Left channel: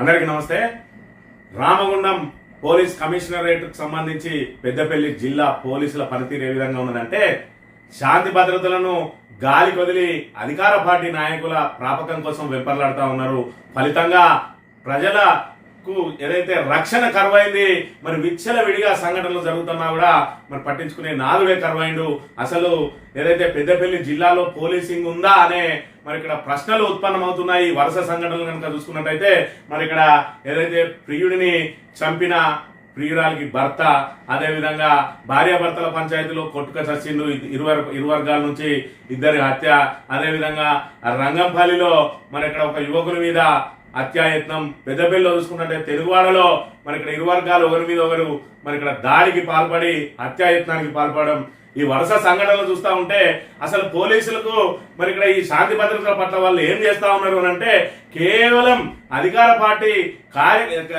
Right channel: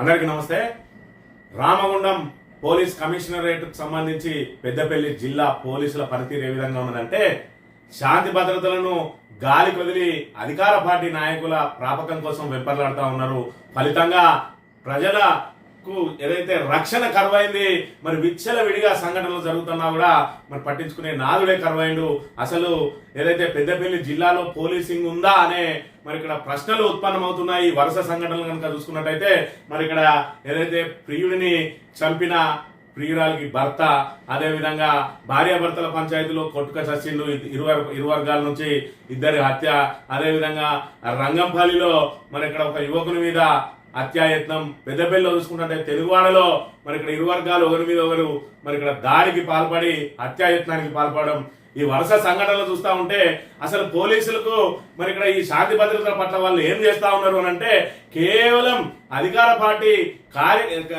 అందరికీ నమస్తే. రామగుండం పోలీస్ కమిషనరేట్కు సంబంధించి పెద్దపల్లి జిల్లా పోలీసుల పనితీరు ఏ విధంగా ఉన్నదంటే, శాంతి భద్రతలను గాలి కొదిలి అధికార పార్టీ నాయకుల ప్రాపకం కోసం వెంపర్లాడుతూ ఉన్నారు. ఫలితంగా ప్రజలకు ఏదైతే రక్షణ కరువైంది, మరి విచ్చల విడిగా సంఘటనలు జరుగుతున్నా కూడా మరి పట్టించుకునే నాదుడే కరువైండు. అసలు ఏదైతే పెద్దపల్లి జిల్లాలో పోలీసింగ్ ఉందా అనే మరి ఇక్కడ ప్రశ్నలు ఉత్పన్నమవుతున్నాయి. వరుస సంఘటనలు కనుక చూసుకున్నట్టయితే, మరి ఇక్కడ ఏదైతే ప్రియుడిని చంపిన ప్రియురాలకి భర్త, అదేవిధంగా భార్యాభర్తల పంచాయతీలో కొట్టుక చచ్చిండు, ఇరు వర్గాల నుంచి ఇద్దరి హత్య, అదేవిధంగా రంగంపల్లిలో మరి ఇక్కడ ఒక యువకుని మీద హత్యాయత్నం, పెద్దపల్లిలో చూసుకుంటే తెలుగువాడలో మరి ఇక్కడ ఇరు వర్గాలు ఒకరి మీద ఒకరు మరి ఇక్కడ దాడికి పాల్పడి హత్యాయత్నానికి పాల్పడడం, ఈ వరుస సంఘటనలు చూస్తూ ఉంటే అసలు పోలీసులకు మరి ఇక్కడ ఈ శాంతి భద్రతల పట్ల వాళ్ళు ఏం చేస్తా ఉన్నారు అని అంటే, కేవలం అధికార పార్టీ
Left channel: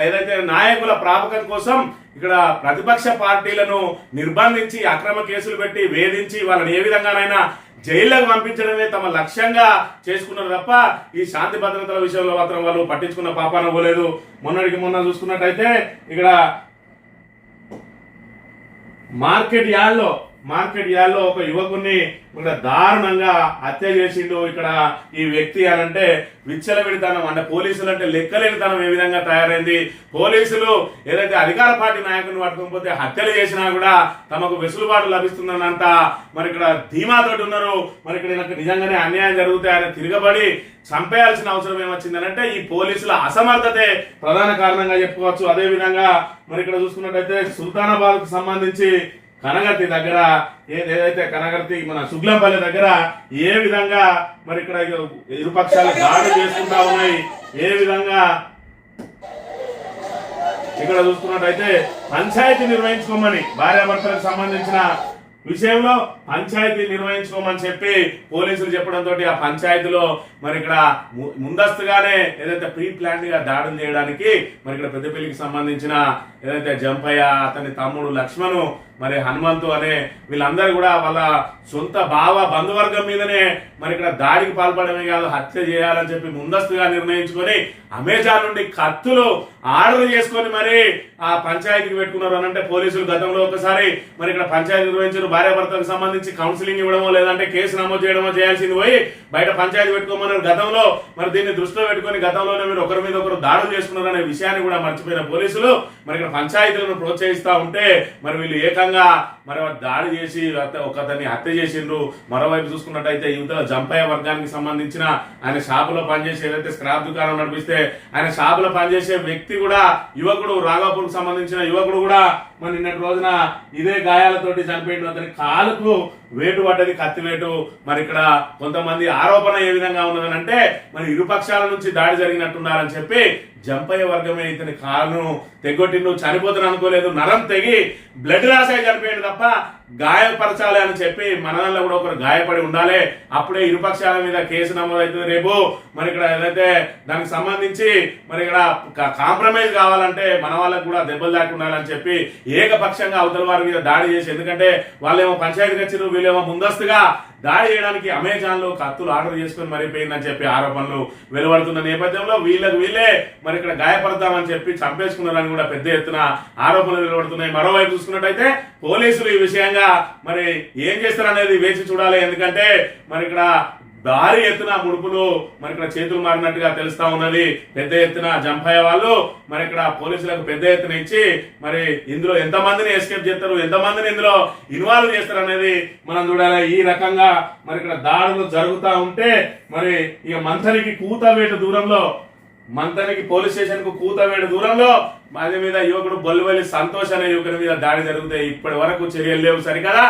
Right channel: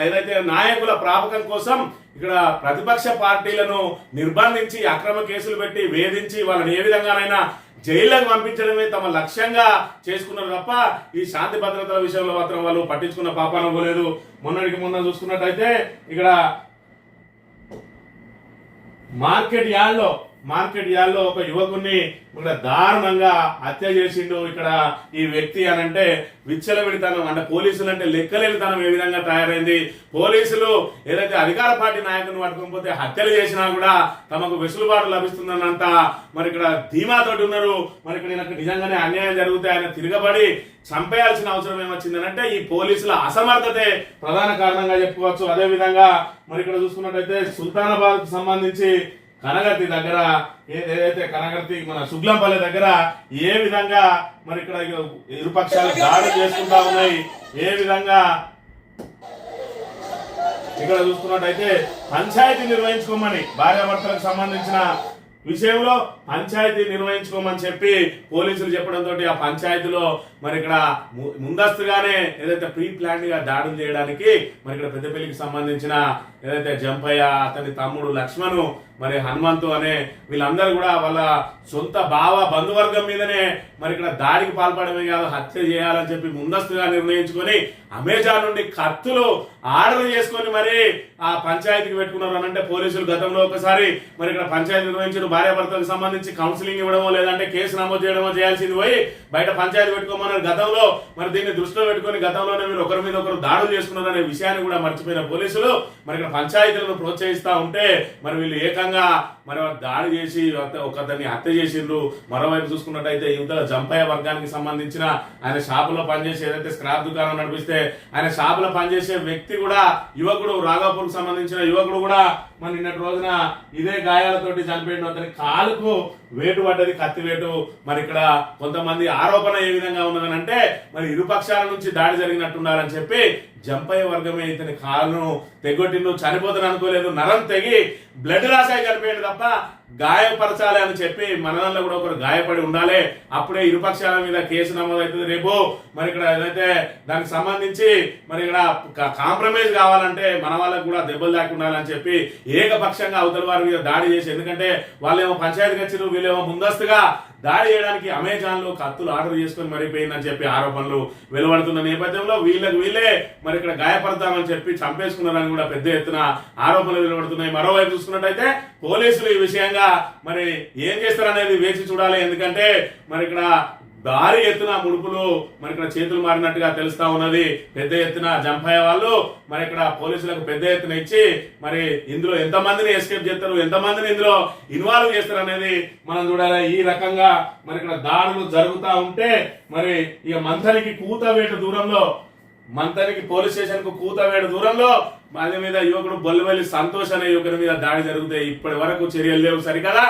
ఏదైతే నాయకుల ప్రాపకం కోసం ఇక్కడ ప్రతిపక్ష పార్టీలను నిర్బంధించి అక్రమ కేసులు పెట్టి వేధించి వాళ్ళని ఏ విధంగానైనా జైళ్లకు పంపించడమే తమ లక్ష్యంగా చేసుకున్నారు తప్ప ఈ శాంతి భద్రతల విషయంలో మాత్రం వాళ్ళు పట్టించుకున్న పాపాన పోలేదు. మొన్న చూసుకున్నట్టయితే ఇక్కడ మార్కెట్ యార్డ్లో ఒక యువకుని ఇక్కడ దారుణంగా హత్య చేసిండు. ఇక్కడ ఈ వ్యక్తి అని అంటే విచ్చలవిడితనం, అంటే పోలీసులు అంటే లెక్కలేనితనం ఏ విధంగా తయారైంది. పోలీసులు ఏదైతే అధికార పార్టీ నాయకుని పట్టుకోకపోతే హత్యలు చేసినా కూడా తమకు వెసులుబాటు లభిస్తుందన్నంత మరి ఇక్కడ ధీమాతోటి ఉన్నారు. మరి ఇక్కడ నిజంగానే అన్యాయం జరిగితే ఆయన తిరగబడి చంపేయాల్సిన అవసరం ఏమొచ్చిందనంటే ఈ పోలీసుల అసమర్థతే ప్రధాన కారణంగా చెప్పుకోవచ్చు. అదే విధంగా మరి ఇక్కడ చూసుకున్నట్టయితే సుల్తానాబాద్ కు సంబంధించి కనగర్తి దగ్గర ఏదైతే కనగర్తి మన సుగ్లంపల్లి దగ్గర ఏ విధంగా మరి ఇక్కడ ఇరుపక్షాలు దాడులు చేసుకుంటా ఉన్నాయి. ఏ విధంగా ఇక్కడ చూసుకున్నట్టయితే పంచాయతీ నిర్వహించుకోమని, భార్యాభర్తలకు సంబంధించిన విషయంలో పంచాయతీ నిర్వహించుకోమని చెప్పి పోలీసులు చెప్పడంతో ఆ పంచాయతీలో మరి ఇక్కడ ముందస్తుగానే ఏదైతే ప్రీ ప్లాన్ గా దాడులు చేయడానికి మరి ఇక్కడ పెద్దపల్లికి సంబంధించిన ఏదైతే జంపయ్య, అతని తమ్ముడు లక్ష్మణు, మరి హనుమంతు అనే వీళ్ళందరూ కూడా వాళ్ళ సొంత బంధువర్గం మీదనే మరి ఇక్కడ దాడికి పాల్పడమే కాదు హత్య చేయాలని చెప్పి ముందస్తుగా నిర్ణయించుకొని అమెజాన్ నుండి కత్తులు ఆర్డర్ చేసుకొని మరి ఆ పంచాయతీకి పెట్టుకున్నారు అని అంటే, పోలీసులు గతంలో ఒకసారి మరి ఇక్కడ పంచాయతీ నిర్వహించారు. భార్యాభర్తలకు సంబంధించి కౌన్సిలింగ్ ఇవ్వడమో లేదంటే కేసు నమోదు చేయడమో చేయాల్సింది పోయి బయట పంచాయతీ పెట్టుకోమన్నారు గతంలో. మరి దీన్ని దృష్టిలో పెట్టుకుని గతంలోనే మీరు ఒకరి మీద ఒకరు దాడులు చేసుకున్నారు అనే విషయాన్ని కూడా మర్చిపోయిన పోలీసులు మరి ఇక్కడ పంచాయతీలను ప్రోత్సహిస్తా ఉంటే మరి వీళ్ళు ఏకంగా మరి దాడి చేసి ఒకతన్ని హత్య చేసిండ్రు. మరోవైపు చూసుకున్నట్టయితే యువతల జంపయ్య వర్గానికి సంబంధించిన ఆయన షాపులో పనిచేసి ఏదైతే స్క్రాప్ దుకాణం నడిపిస్తే ఆయన షాపులో పనిచేసే వ్యక్తి కూడా యువకుడు, రాఘాపూర్ కు సంబంధించిన యువకుడు కూడా మరి నిన్నటి రోజున ఇదే గాయాలతోటి చనిపోయిండు. అతని కాలుకు వేటు పడ్డది, కత్తి వేటు. మరి ఇక్కడ కొంతమంది ఆరోపణ ఏ విధంగా ఉన్నదని అంటే, మరి ఇరుపక్షాల నుంచి దాడి జరిగినట్టున్నారని చెప్పి జంపయ్య వర్గమే ఇతని కాలును తెగొట్టిండు. చనిపోతాను అనుకోలేదు, నరం తెగి బ్లడ్ లాస్ అయి చనిపోయింది తప్ప గాయపరచాలి అని చెప్పి మనలో కూడా ఒకరు గాయపడి ఉండాలి, అప్పుడే ఇరుపక్షాల మీద కేసు నమోదవుతుంది. రేపు మరి ఇక్కడ ఏదైతే దానికి సంబంధించి మరి ఇక్కడ కాంప్రమైజ్ కావాలంటే మన వాళ్ళకు కూడా దెబ్బలు దాకా ఉండాలని చెప్పి ఏకపక్షంగా అవతల వారి మీద దాడి చేసి, ఎందుకంటే వాళ్ళేమో పంచాయతీకి వచ్చారు, వీళ్ళేమో ముందస్తుగా దాడి చేయడానికి అమెజాన్ లో కత్తులు ఆర్డర్ చేసుకుని మరిపోయిందని చెప్పి ఆరోపణలు వెలువడుతున్న నేపథ్యంలో వీళ్ళే మరి ఇక్కడ గాయపడతామని చెప్పి చంపేసుకున్నారని కూడా పెద్ద ఎత్తున ఆరోపణలు వెలువడుతున్నాయి. మరోవైపు చూసుకున్నట్టయితే పోలీసులు ఈ విషయంగా మరి ఏం చేస్తారనేది వేచి చూడాలి. ఎందుకంటే మరి ఇక్కడ భారీ ఎత్తున ముడుపులు మరి ఇక్కడ చేతులు మారినట్టుగా తెలుస్తా ఉన్నది. పెద్ద ఎత్తున జంపయ్య వాళ్ళు మరి ఇక్కడ పోలీసులకు పెద్ద ఎత్తున ఇచ్చి మరి ఇందులో ఎంతమందిని ఎస్కేప్ చేస్తారు, ఎంతమందిని ఇందులో ఇన్వాల్వ్ చేస్తారు అనేది మనం చూడాలి. ఈ రకంగా మరి ఇక్కడ దాడులు జరుగుతూ ఉంటే మరి ఇక మంతనికి పోలీస్ స్టేషన్ కు కూతవేడు దూరంలో అదే మీద యువకుడు బొల్లివల్లి సంతోష్ అనే యువకుడి మీద దాడి జరుగుతాయి. ఇప్పటి వరకు చర్యలు లేవు. సరికదా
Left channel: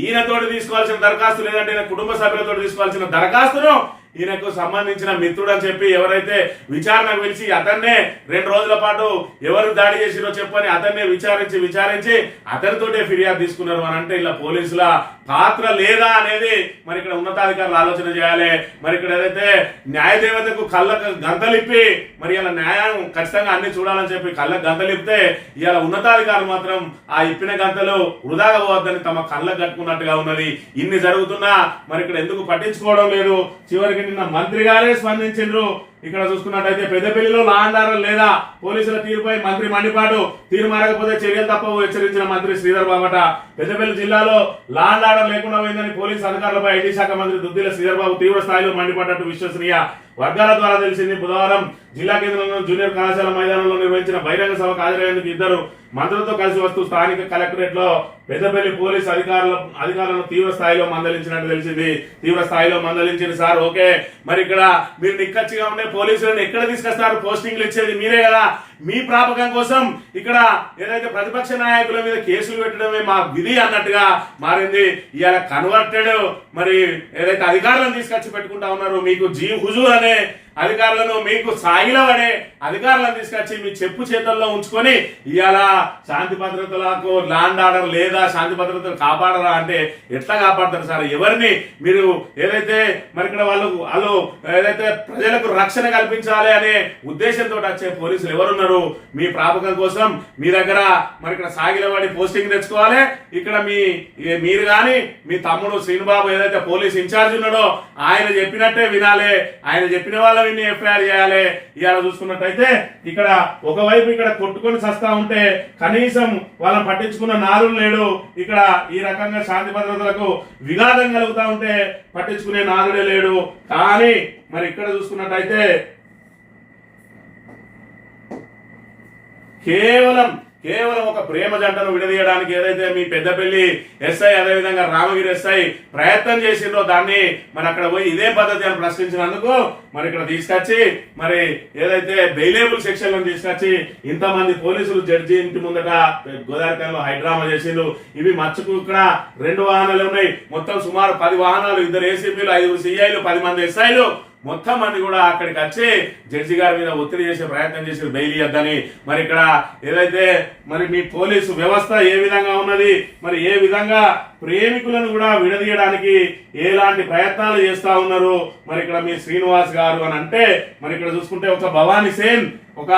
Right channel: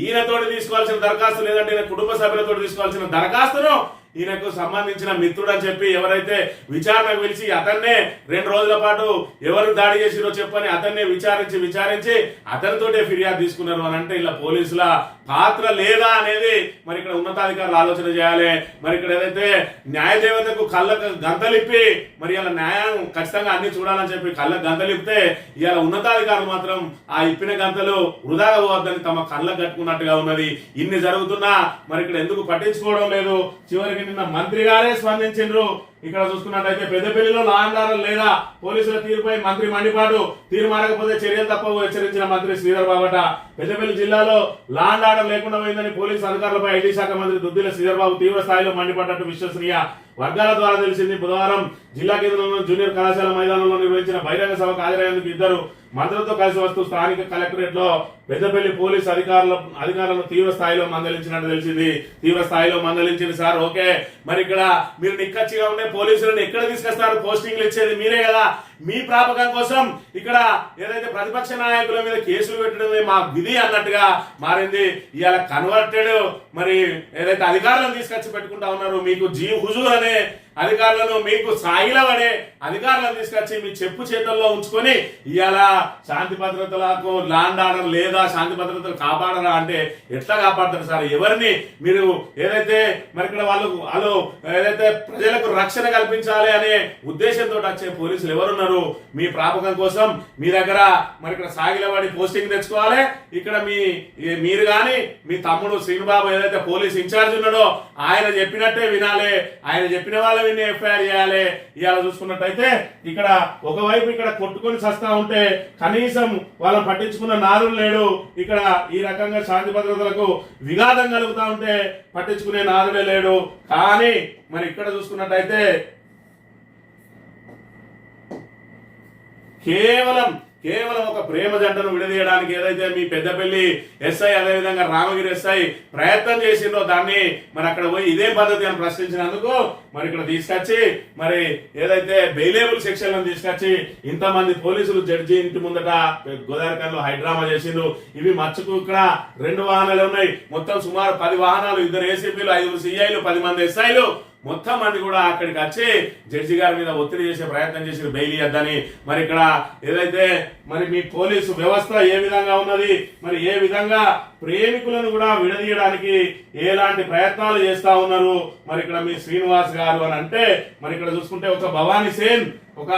ఈయనతోటి తీసుకోవాల్సిన దరఖాస్తు లేదంటే ఈయన కుటుంబ సభ్యులతో తీసుకోవాల్సిన దరఖాస్తును ఈయనకు సంబంధించిన మిత్రుడు అని చెప్పి ఎవరైతే విచారణకు పిలిచి అతన్నే 2 రోజుల పాటు ఎవరు దాడి చేసిరో చెప్పని అతన్నే విచారించి అతనితోటే ఫిర్యాదు తీసుకున్నారు అని అంటే ఇలా పోలీసుల పాత్ర లేదా అనేది మరి ఇక్కడ ఉన్నతాధికారులు ఆలోచన చేయాలి. మరి ఇక్కడ ఏదైతే న్యాయదేవతకు కళ్ళకు గంతలిప్పి మరి ఇలా న్యాయం ఖచ్చితంగా అన్ని చూడాలని చెప్పి కళ్ళకు గంతలిప్తే ఇవాళ ఉన్నతాధికారులు మాత్రం ఆ ఇప్పిన గంతలు వృధాగా పోవద్దని తమ కళ్ళకు కట్టుకున్నట్టుగా ఉన్నది. ఇన్ని జరుగుతున్నా మరి ఇక్కడ ఎందుకు పట్టించుకోవడం లేదు. చివరికి నిన్న మంత్రి గారే స్పందించారు. ఇక్కడ చూసుకున్నట్టయితే పెద్దపల్లిలో లా అండ్ ఆర్డర్ లేదా పోలీసుల తీరుపై మంత్రి మండిపాటు, తీరు మారకపోతే చర్యలు తప్పవు హెచ్చరించిన మంత్రి శ్రీధర్ బాబట. పెద్దపల్లి జిల్లాలో లా అండ్ ఆర్డర్ లేకుండా పోయిందని పోలీసు అధికారులపై ఐటీ శాఖ మంత్రి దుద్దిల శ్రీధర్ బాబు తీవ్ర స్థాయిలో మండిపడ్డట్టు విశ్వసనీయ వర్గాల ద్వారా తెలిసింది. బుధవారం జిల్లా కేంద్రంలో జూనియర్ కళాశాల మైదానంలో నిర్వహించిన బహిరంగ సభకు హాజరయ్యేందుకు ఇద్దరు మంత్రులతో కలిసి వస్తూ స్థానిక కలెక్టరేట్ లో పెద్దపల్లి పోలీసు అధికారులను తీవ్ర స్థాయిలో మందలించినట్టు తెలిసింది. తీవ్ర స్థాయిలో మందలించింది సార్, ఓకే, మరి ఇక్కడ మీరు నిక్కచ్చిగా ఉండే పోలీసులను ఎక్కడ తీసుకొస్తారు? పోస్టింగ్లు ఇచ్చేది మీరే కదా. మీ ప్రాపకం కోసం ఇక్కడ ఏదైతే ప్రతిపక్ష నాయకుల మీద కేసులు పెట్టడమే మా విధి అన్నట్టుగా మారింది. ఇవాళ కన్వర్టెడ్ మరి ఏదైతే అధికారులను తీసుకొచ్చి పెట్టుకుంటా ఉన్నారు, మీకు హుజూర్ అనే అధికారులను, మీకు సాయిలం అనే అధికారులను తీసుకొచ్చి మీ చెప్పు చేతుల్లో ఉంచుకొని ఇవాళ శాంతి భద్రతలకు లా అండ్ ఆర్డర్ లేదా శాంతి భద్రతలు కాపాడరా అంటే ఎట్లా కాపాడతారు సార్? ఎవరిని మీరు ఏదైతే మరి ఇక్కడ వాళ్ళు ఏదైతే ప్రజలకు రక్షణ కల్పించాలి అనే ఉద్దేశంతో వచ్చే పోలీసులు ఎవరున్నారు? మీ ప్రాపకం కోసం మీ దగ్గర మరి ఇక్కడ సాగిలవాడి పోస్టింగ్ తెచ్చుకోవాలి. ఇక్కడ మీరు కానీ మీ తమ్ముడు శ్రీనుబాబు ఏదైతే పోలీస్ ఇన్ఛార్జ్ ఉన్నాడో ఆయన చెప్పినట్టే వినాలి, ఆయన చెప్పిన వాళ్ళ ఎఫ్ఐఆర్ చేయాలి. ఇవాళ చూసుకున్నట్టయితే ఇక్కడ ఒకవైపు ఇక్కడ కొట్టుకొని చస్తా ఉంటే కనీసం వాళ్ళని పట్టించుకున్న నాదుడు లేడు. ఇక్కడ ఈ రకంగా శాంతి భద్రతలకు విఘాతం కలుగుతా ఉంటే పట్టించుకునే నాదుడే లేడు. కానీ మరి ఇక్కడ చూసుకున్నట్టయితే కేవలం ఒక ప్రేమ జంటను విడదీయడానికి ఏదైతే మీ పెద్దపల్లి ఎస్ఐ అదేవిధంగా రామగిరి ఎస్ఐ ప్రయత్నం చేసిందో దాన్ని మరి అక్కడ పోయి ఇదే పద్ధతి అని ప్రశ్నించినందుకు మరి ఇక్కడ తీసుకొచ్చి మరి ఏదైతే బెయిలేబుల్ సెక్షన్లను తీసుకొచ్చి ఇంతమంది పోలీసులు జడ్జి ఇంటి ముందట గోదావరికంలో హైడ్రామా చేసిండు. ఇవి మచ్చుకు ఇక్కడ 2 వాహనాలు ఉన్నాయి, మొత్తం సుమారు 10 వాహనాలు, 2 ఏసీపీలు, 5 సిఐలు, 10 మంది ఎస్ఐలు మొత్తం మంది కూడా అక్కడికి వచ్చి జడ్జి గారి మీద ఒత్తిడి చేసే ప్రయత్నం చేసి బెయిల్ ఇవ్వద్దని. మరి ఇక్కడ ఏదైతే మరి మీ పోలీసు వ్యవస్థ ఏ విధంగా ఉన్నది, మరి ఏ విధంగా ప్రేమికులను కూడా విడదీయడానికి ఎలాంటి ప్రయత్నాలు చేస్తా ఉన్నారు మరి ఇక్కడ మీ శ్రీనివాస్ గారు అని అంటే మరి ఇక్కడ చూసుకుంటే ఒక భవానీ సేన్ ఒక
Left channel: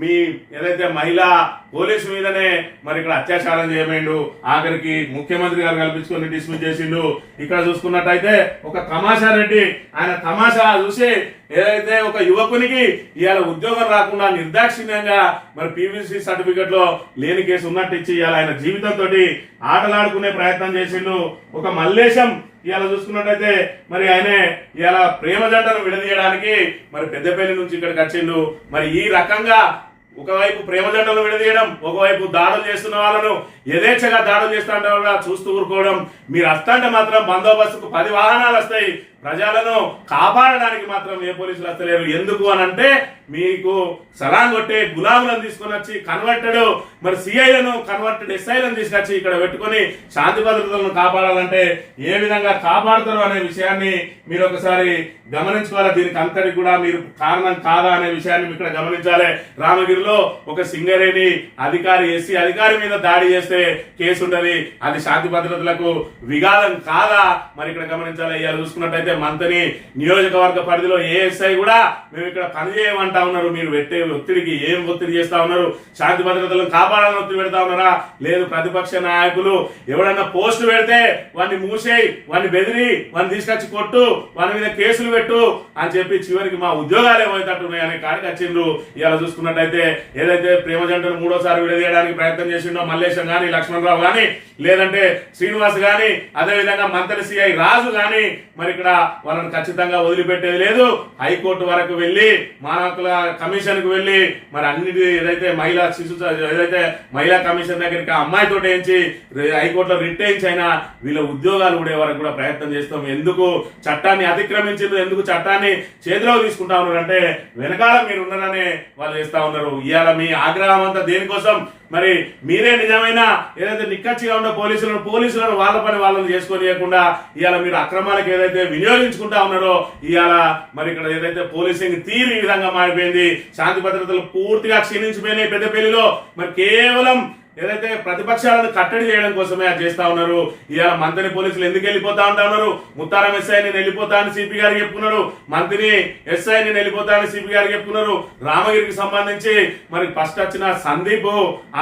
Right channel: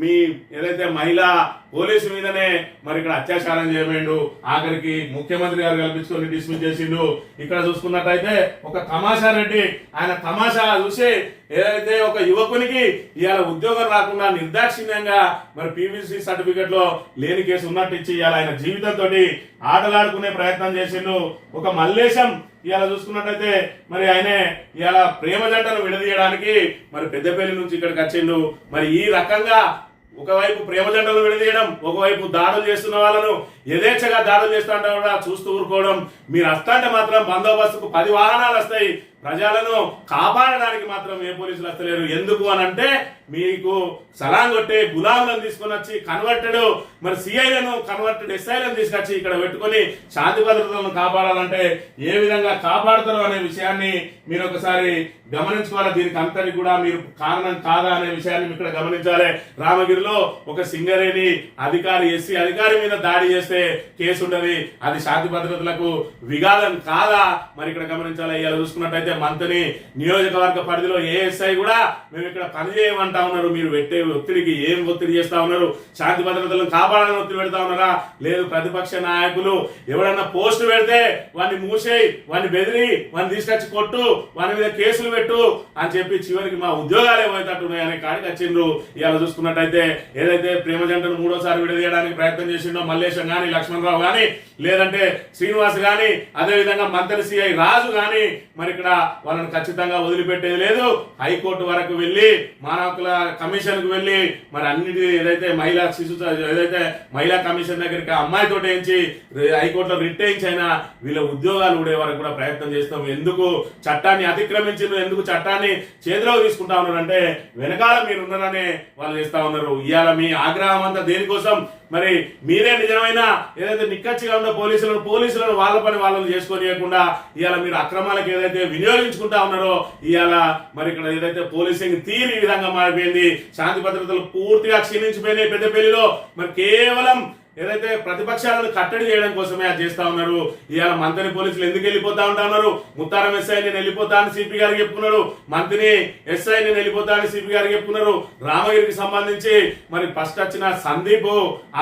మీ ఏదైతే మహిళా పోలీసు మీదనే మరి ఇక్కడ అత్యాచారం చేయమేండు, ఆఖరికి ముఖ్యమంత్రి గారు కల్పించుకొని డిస్మిస్ చేసిండు. ఇక్కడ చూసుకున్నట్టయితే ఒక తమాషా రెడ్డి, ఆయన తమాషా చూసి ఏదైతే ఒక యువకునికి ఇవాళ ఉద్యోగం రాకుండా నిర్దాక్షిణ్యంగా మరి పీవీసీ సర్టిఫికెట్ లో లేని కేసు ఉన్నట్టు ఇచ్చి ఇవాళ ఆయన జీవితంతో ఆటలాడుకునే ప్రయత్నం చేసిండు. ఒక మల్లేశం ఇవాళ చూసుకున్నట్టయితే మరి ఆయనే ఇవాళ ప్రేమ జంటను విడదీయడానికి మరి పెద్దపల్లి నుంచి ఇక్కడికి వచ్చిండు. మరి ఈ రకంగా ఒకవైపు ప్రేమ జంటలు విడదీయడం, ఒకవైపు దాడులు చేస్తున్న వాళ్ళను యథేచ్ఛగా దాడులు చేస్తుంటే కూడా చూస్తూ ఊరుకోవడం. మీరు వస్తుంటే మాత్రం బందోబస్తుకు 10 వాహనాలు వస్తాయి, ప్రజలను కాపాడడానికి మాత్రం ఏ పోలీసులు వస్తలేరు. ఎందుకు అని అంటే మీకు సలాం కొట్టే గులాములను తీసుకుని వచ్చి కన్వర్టెడ్ మరి సిఐలను కన్వర్టెడ్ ఎస్ఐలను తీసుకొచ్చి ఇక్కడ పెట్టుకొని శాంతి భద్రతలను కాపాడాలంటే ఏ విధంగా కాపాడతారు అనే విషయాన్ని మీరు ఒకసారి గమనించుకోవాలి. దీనికి అంతటి కూడా మీరు కారణం కాదా అనే విషయాన్ని ఇక్కడ గమనించాలి. రామగిరిలో ఒక సింగరేణి అధికారి ఎస్సీ అధికారి మీద దాడి చేస్తే కేసు ఉండదు, అది శాంతి భద్రతలకు విఘాతం కాదా మరి ఇక్కడ గమనించాలి. ఇలా చూసుకున్నట్టయితే మంత్రి నియోజకవర్గ పరిధిలో ఏఎస్ఐ కూడా మేము ఇక్కడ పని చేయమంటా ఉన్నారు. మీరు పెట్టే ఒత్తిడికి ఏం ఒత్తిడి చేస్తా ఉన్నారు? శాంతి భద్రతలను కాపాడాలని ఒత్తిడి పెడతా ఉన్నారా? లేదు, ప్రతిపక్ష నాయకులు ఎవడన్నా పోస్ట్ పెడితే వాడిని మూసేయి, వాడిని బెదిరి, వాడిని తీసుకొచ్చి కొట్టు, వాడి మీద కేసులు పెట్టు అని చెప్పి చివరికి మా ఉద్యోగాలు ఏమైతట్టున్నాయి అనే కాడికి వచ్చిండ్రు. ఇలా చూసుకున్నట్టయితే ఏదైతే ప్రేమ జంటను 3వసారి విడదీయడానికి ప్రయత్నం చేసిండో మల్లేశం గాని, లక్ష్మణరావు గాని, లేదంటే శ్రీనివాస్ గాని, అదేవిధంగా మంత్రి సిఐ రాజు గాని మరి ఇక్కడ వాళ్ళని ఖచ్చితంగా వదిలిపెట్టేది లేదు. హైకోర్టు వరకు వెళ్లి మానవ హక్కుల కమిషన్ కు వెళ్లి మరి అన్నిటి ఏదైతే మహిళా కమిషన్ దగ్గరికి అమ్మాయితో వేయించి హైకోర్టులో రిట్ వేయించి అయినా వీళ్ళ ఉద్యోగాలు ఊడే వరకు కూడా ప్రయత్నం చేస్తాం. ఎందుకు చట్టాన్ని అతిక్రమించారు, ఎందుకు చట్టాన్ని చేతిలో తీసుకుంటా ఉన్నారు అంటే వెనకాల మీరు ఉన్నారనే వాళ్ళు చేస్తా ఉన్నారు. ఇవాళ మీ ఆగ్రహం అంతా దేనికోసం? మరి మీరే నిజమైన ఏదైతే నిక్కచ్చిగా ఉన్న పోలీసులను వాళ్ళ పని వాళ్ళని చేసుకోనియకుండా ఇవాళ మీరు అక్రమాలకు ఏదైతే వినియోగించుకుంటా ఉన్నారో ఇవాళ మరి ఇక్కడ ఏదైతే పోలీసింగ్ తీరు ఈ విధంగా మారిపోయింది. శాంతి భద్రతలు పూర్తిగా క్షీణించిపోయినాయి పెద్దపల్లిలో. మరి కేవలం ఏదైతే ప్రతిపక్షాలను కట్టడి చేయడం కోసమే అది చేస్తా ఉన్నారు. ఇవాళ మంత్రిని పోలీసులు ఎందుకు వెళ్ళిపోతా ఉంటా ఉన్నారు? ముత్తారం ఎస్ఐ నేను వెళ్ళిపోతా అని సిపి గారికి చెప్పుకున్నారు, మంత్రిని ఎస్ఐ నేను వెళ్ళిపోతా అని సిపి గారికి చెప్పుకున్నారు. రామగిరికి సంబంధించి మరి ఫస్ట్ వచ్చిన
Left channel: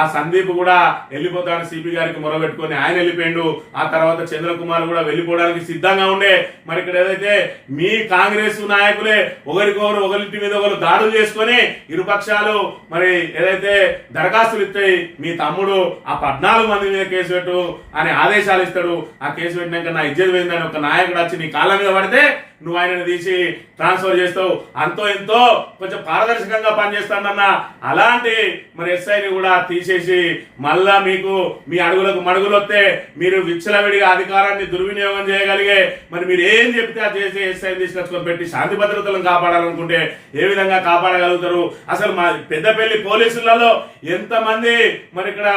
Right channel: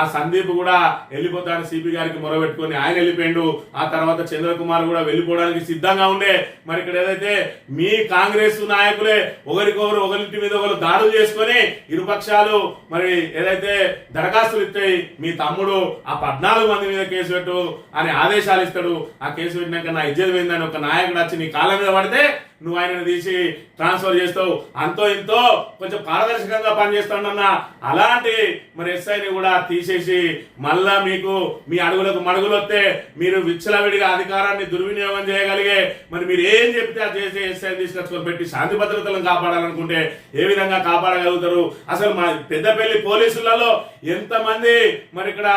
ఆ సందీప్ కూడా వెళ్ళిపోతా అని సిపి గారికి మొరబెట్టుకొని ఆయన వెళ్ళిపోయిండు. ఆ తర్వాత చంద్రకుమార్ కూడా వెళ్ళిపోవడానికి సిద్ధంగా ఉండే. మరి ఇక్కడ ఏదైతే మీ కాంగ్రెస్ నాయకులే ఒకరింటి మీద ఒకరు దాడులు చేసుకొని ఇరుపక్షాలు మరి ఏదైతే దరఖాస్తులు ఇస్తాయి, మీ తమ్ముడు ఆ 14 మంది మీద కేసు పెట్టు అని ఆదేశాలు ఇస్తాడు. ఆ కేసు పెట్టినాక నా ఇజ్జత్ పోయిందని ఒక నాయకుడు వచ్చి నీ కాళ్ళ మీద పడితే నువ్వు ఆయనను తీసి ట్రాన్స్ఫర్ చేస్తావు. అంతో ఎంతో కొంచెం పారదర్శకంగా పనిచేస్తాడన్న అలాంటి మరి ఎస్ఐని కూడా తీసేసి మళ్ళా మీకు మీ అడుగులకు మడుగులు వస్తే మీరు విచ్చలవిడిగా అధికారాన్ని దుర్వినియోగం చేయగలిగే మరి మీరు ఏం చెప్తే అది చేసి ఎస్ఐని తీసుకొచ్చుకొని పెట్టి శాంతి భద్రతలను కాపాడాలనుకుంటే ఏ విధంగా కాపాడగలుగుతారు? అసలు మా పెద్దపల్లి పోలీసులలో ఎంతమంది మరి ఇక్కడ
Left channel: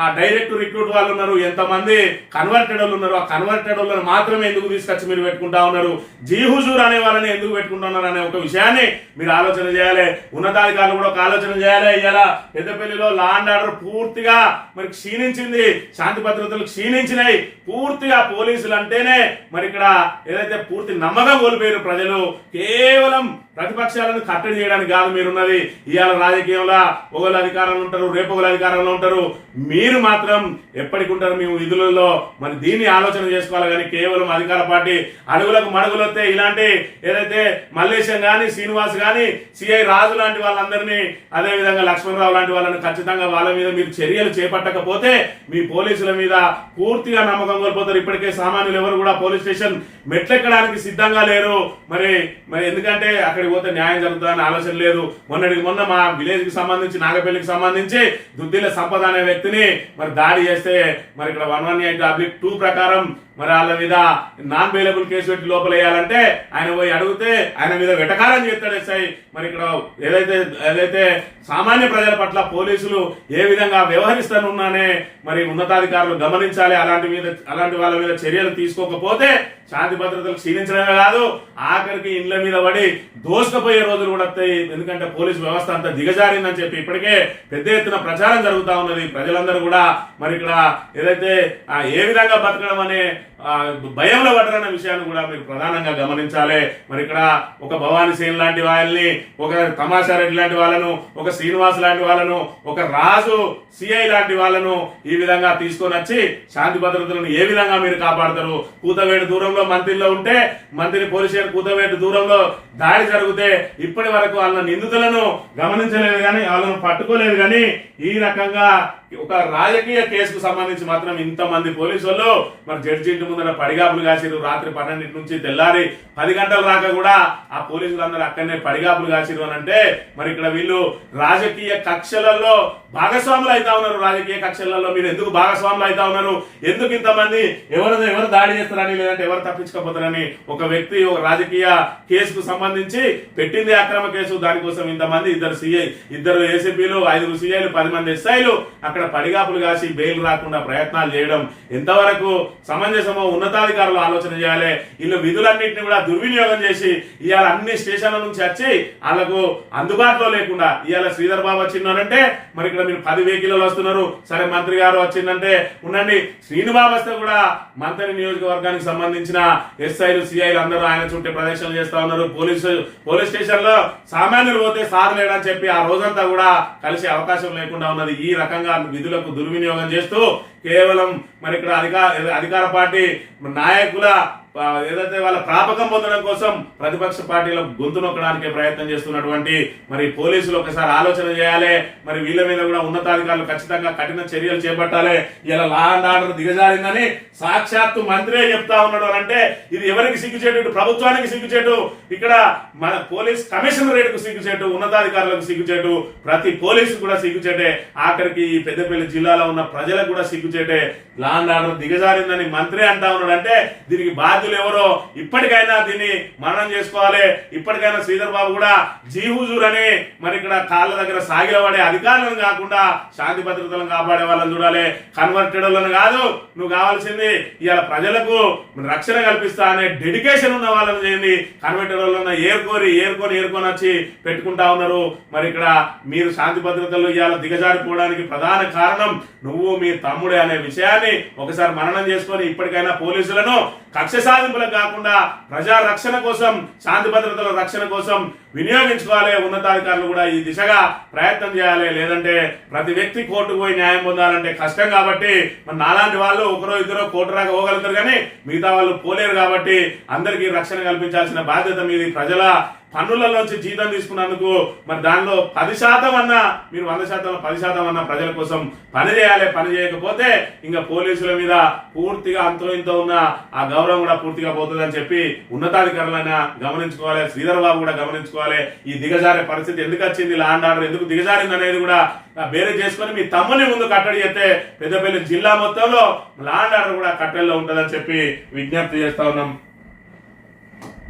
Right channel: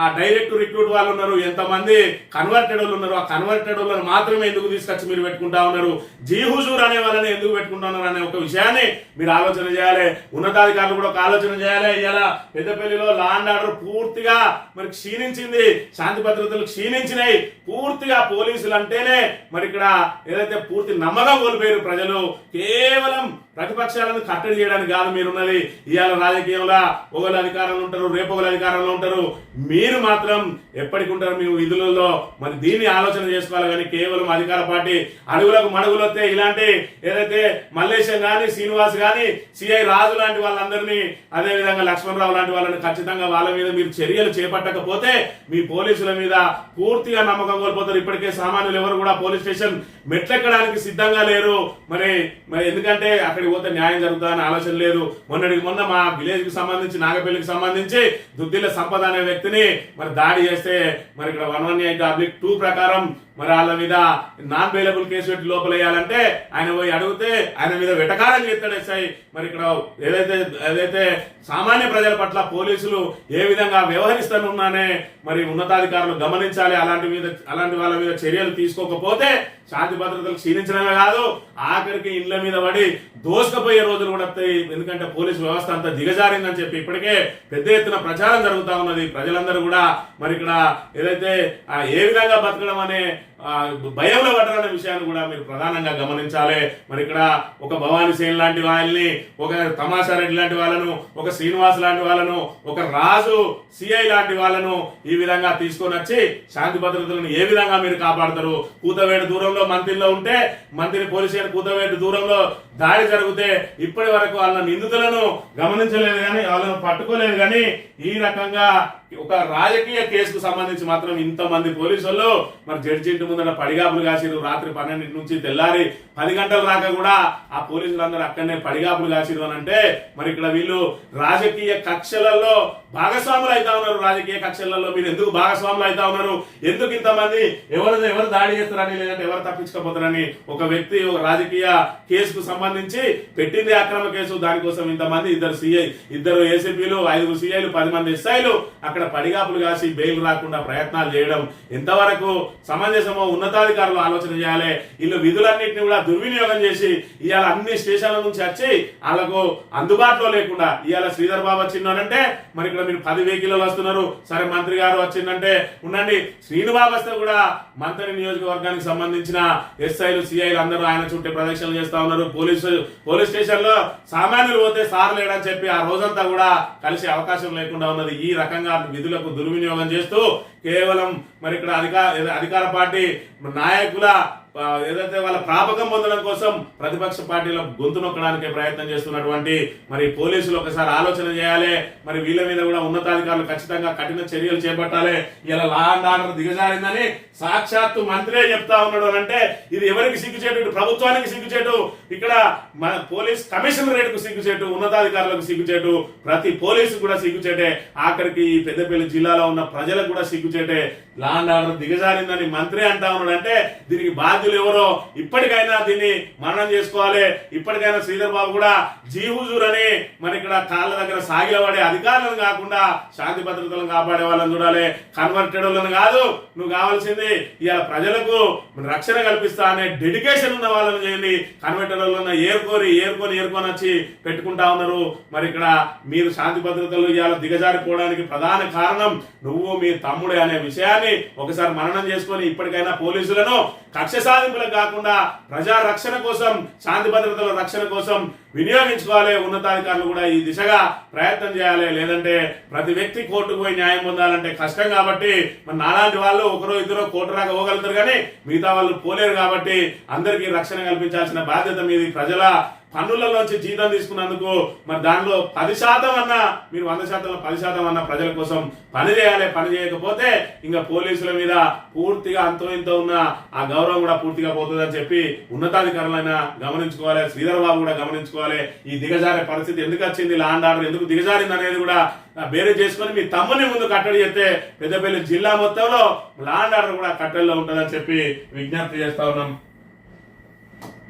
ఆ డైరెక్ట్ రిక్రూట్ వాళ్ళు ఉన్నారు, ఎంతమంది కన్వర్టెడ్ వాళ్ళు ఉన్నారు. ఆ కన్వర్టెడ్ వాళ్ళని మాత్రమే ఎందుకు తీసుకొచ్చి మీరు పెట్టుకుంటా ఉన్నారు? హుజూర్ అనే వాళ్ళని ఎందుకు పెట్టుకుంటున్నారు అనే ఒక విషయాన్ని మీరు ఆలోచన చేయాలి. ఉన్నతాధికారులు కూడా ఒక ఆలోచన చేయాలి. ఇలా పెద్దపల్లిలో లా అండ్ ఆర్డర్ పూర్తిగా మరి క్షీణించింది, శాంతి భద్రతలు క్షీణించినాయి. పూర్తిగా పోలీసులు అంటేనే మరి ఇక్కడ ఏదైతే పూర్తి నమ్మకం కోల్పోయారు ప్రజలు. కేవలం ప్రతిపక్షాలను కట్టడి చేయడానికి కాదు మీరున్నది. ఇవాళ రాజకీయంలో ఒకళ్ళు అధికారంలో ఉంటారు, రేపు ఒకళ్ళు అధికారంలో ఉంటారు. మీరు మాత్రం ఎప్పటికి ఉంటారు మీ విధులలో? మరి దీన్ని ఆలోచన చేసుకోవాలి. కానీ కేవలం అధికార పార్టీ అడుగులకు మడుగులు వస్తే ఇలాంటి ఏదైతే మల్లేశం గాని, శ్రీనివాస్ గాని, సిఐ రాజు లాంటి వాళ్ళందరినీ, అదే విధంగా లక్ష్మణరావు లాంటి వాళ్ళని ఖచ్చితంగా వాళ్ళ మీద మీరు చర్యలు చేపట్టకపోతే మీ పోలీసుల మీద పూర్తిగా నమ్మకం కోల్పోతారు. ఇప్పటికే సామాన్యులు ఎవరు కూడా పోలీస్ స్టేషన్ మెట్లెక్కడానికి సిద్ధంగా లేరు. మరి ఎందుకంటే అక్కడికి పోతే న్యాయం జరుగుతుందని ఆలోచన లేదు. మొన్న మా విలేజ్ కి సంబంధించి, నాగపల్లికి సంబంధించి దుద్దిల సంపద అనే వ్యక్తిని మరి దాడి చేస్తే మరి ఇక్కడ 118(2) ప్రకారం మరి వాళ్ళ మీద నాన్ బెయిలబుల్ కేసు పెట్టి లోపల వేయాలంటే ఆయన పోయి అడిగితే ఆయన మీద వెటకారం చేస్తాడు ఎస్ఐ. మరి ఇక్కడ ఏదైతే సామాన్య ప్రజల పట్ల పోలీసులు ఏ విధంగా వ్యవహరిస్తానున్నానే మరి ఉన్నతాధికారులు గమనించాలి. అలాంటి వాళ్ళ మీద చర్యలు తీసుకోకపోతే శాంతి భద్రతలు క్షీణించడమే కాదు, ఆఖరికి ఇండ్ల మీద పడి దోసుకుపోయే రోజులు కూడా వస్తాయి. ఎందుకంటే పోలీసు వ్యవస్థ అంతా దిగజారిందని చెప్పి ఇప్పటికే పెద్ద ఎత్తున ప్రచారం జరుగుతూ ఉన్నది. ప్రజలందరూ కూడా మరి ఇక్కడ ఏదైతే ఏ విధంగా బతకడం అనే భయంలో పడ్డారనే విషయాన్ని కూడా మీరు ప్రధానంగా గమనించాలి. మరి ఇక్కడ ఒక భవానీ సేన్ లాంటి వాళ్ళని, ఒక తమాషా రెడ్డి లాంటి వాళ్ళను, ఒక శ్రీనివాస్ లాంటి వాళ్ళను, ఒక రాజు సిఐ లాంటి వాళ్ళను ఈ విధంగా తీసుకొని వచ్చి శాంతి భద్రతలను ఏ విధంగా మీరు కాపాడతారు? కూతవేటు దూరంలో మంత్రిలో ఉంటే, మంత్రి పోలీస్ స్టేషన్ కూతవేటు దూరంలో దాడి జరిగితే ఇప్పటి వరకు వాళ్ళ నిందితులను గమనించలేదు కానీ, వాళ్ళను పట్టుకోలేదు కానీ, ఈ రకంగా ఒక రాజకీయ కేసుకు సంబంధించి మాత్రం ఇంతమంది పోలీసులు మరి జడ్జి ఇంటి ముందర పడిగాపులు కాసిరు. రాత్రి 12 నుంచి తెల్లారి 10 గంటల రాక కూడా ఆ పోలీసులందరూ అక్కడనే పడిగాపులు కాసిరు అని అంటే మరి ఇక్కడ వీళ్ళు రాజకీయ కక్షలలో భాగస్వాములు అవుతా ఉన్నారు. రాజకీయ కక్షలలో మీరు ఎందుకు భాగస్వాములు అవుతా ఉన్నారు? ఎందుకు ఇంతమంది ఎవరు దాడి చేస్తారని, లేదంటే ఎవరు తప్పించుకోపోతారని ఒక వ్యక్తి ఒక రాజకీయ కేసుకు సంబంధించి పెట్టింది అక్రమ కేసు. దానికోసం ఇంతమంది, 2 ఏసీపీలు, 5 సిఐలు, 10 మంది ఎస్ఐలు అక్కడ పడిగాపులు కాసి బెయిల్ రాకుండా ప్రయత్నాలు చేయడం ఎంతవరకు సమంజసమో ఉన్నతాధికారులు ఆలోచన చేయాలి. వీళ్ళు విధులన్నింటినీ కూడా దుర్వినియోగం చేసి ఇవాళ అన్ని స్టేషన్ల నుంచి వచ్చి వాళ్ళకు అందుబాటులో లేకుండా, ఇవాళ శ్రీధర్ బాబు వచ్చిందంటే మరి ఇక్కడ మీరు 10 వెహికల్ వస్తున్నారు, సరే మంత్రి గారు వచ్చిందంటే ఉండండి. శ్రీనుబాబు వస్తే కూడా మంత్రి నియోజకవర్గానికి సంబంధించిన ఎస్ఐలు, సిఐలు అందరూ ఆయన చుట్టే ప్రదక్షిణలు చేస్తా ఉన్నారు. పోలీస్ స్టేషన్ లో సామాన్యులు పోతే సార్ లేడని చెప్పి ఆ రోజంతా కూడా కలిసే అవకాశం లేకుండా ఉన్నది. ఈ రకంగా విధులకు దుర్వినియోగం చేస్తూ కేవలం మరి ఇక్కడ అధికార పార్టీ నాయకుల ఏదైతే వాళ్ళ ప్రాపకం పొందడం కోసం ప్రతిపక్ష పార్టీలో గొంతు నొక్కడానికి ప్రయత్నం చేస్తున్నటువంటి మరి పోలీసులు ఒకసారి ఆలోచన చేయాలి. మరి వీళ్ళ మీద కూడా ఉన్నతాధికారులు ఖచ్చితంగా కఠిన చర్యలు చేపట్టాలి. ఇలా లా అండ్ ఆర్డర్ దిగజారిందని సాక్షాత్తు మంత్రే చెప్తా ఉన్నాడు అంటే ఇది ఎవరికి సిగ్గుచేటు? ప్రభుత్వానికి సిగ్గుచేటు, ఇక్కడ మన పోలీస్ కమిషనరేట్కు సిగ్గుచేటు, ఉన్నతాధికారులకు సిగ్గుచేటు, ప్రతి పోలీసు కూడా సిగ్గుచేటే, ఆఖరికి ఈ పెద్దపల్లి జిల్లాలో ఉన్న ప్రజలకు కూడా సిగ్గుచేటే. లా అండ్ ఆర్డర్ దిగజారిందని మంత్రే అంటా ఉన్నాడు అంటే దీనికి బాధ్యత బాధ్యులు ఎవరో ఇప్పటికైనా దీన్ని మననం చేసుకోవాలి. ఇప్పటికైనా శ్రీధర్ బాబు కూడా జీ హుజూర్ అని మరి ఇక్కడ కాళ్ళ దగ్గర సాగిలపడే అధికారులను కాకుండా శాంతి భద్రతలను కాపాడే వాళ్ళని చూడాలి. కన్వర్టెడ్ వాళ్ళని కాదు, నువ్వు కావాల్సింది ఇవాళ ప్రజలకు రక్షణ కల్పిస్తా అనే డెడికేషన్ ఉన్న వాళ్ళని చేయండి. కన్వర్టెడ్ వాళ్ళని ఏరుకొని వచ్చి పెట్టుకుంటా ఉన్నారు. మరి ఇక్కడ మీరు శాంతి భద్రతలు ఇవాళ దిగజారిపోవడానికి ప్రధాన కారణం నువ్వు మీ తమ్ముడే అనే విషయాన్ని ఒకసారి మననం చేసుకొని ఇప్పటికైనా పోలీసులను కక్ష సాధింపులకు కాకుండా ప్రజా రక్షణ కోసం, శాంతి భద్రతల రక్షణ కోసం వినియోగించుకోవాలి. ఉన్నతాధికారులు కూడా ఈ దిశగా ప్రయత్నం చేయాలి. లేదంటే ప్రతి వ్యక్తి కోర్టుకు పోయి న్యాయం పొందాలంటే కష్టం. కాబట్టి మరి నాలాంటి వాళ్ళు ఒకరో ఇద్దరు కోర్టు రాక పోగలుగుతారు, కానీ మిగతా వాళ్ళు పోలేరు. కాబట్టి అందరికీ రక్షణ కల్పించాల్సిన బాధ్యత మీది. ప్రజల పన్నులలోంచి జీతం తీసుకున్నందుకు మరి దానిలో 10% అన్నా మీరు 100%, 10% అన్నా ప్రజల కోసం పని చేయాలి. పని చేయకపోతే ఇంకా పోలీసుల మీద పూర్తిగా అంతో ఇంతో ఉన్న ఆ గౌరవం కూడా పూర్తిగా పోతుందని చెప్పి ఉన్నతాధికారులైనా గమనించుకోవాలి. శ్రీధర్ బాబు కూడా గమనించుకోవాలి. ఈ దిగజారే పరిస్థితి ఎందుకు వచ్చింది, లా అండ్ ఆర్డర్ ఎందుకు దిగజారింది అనేది కూడా వేరే చేసుకొని మీ తమ్ముని ముందు కట్టడి చేస్తే పెద్దపల్లి జిల్లా మొత్తంలో లా అండ్ ఆర్డర్ కూడా కట్టడిలో ఉంటుందని చెప్పి విజ్ఞప్తి చేస్తా ఉన్నాం.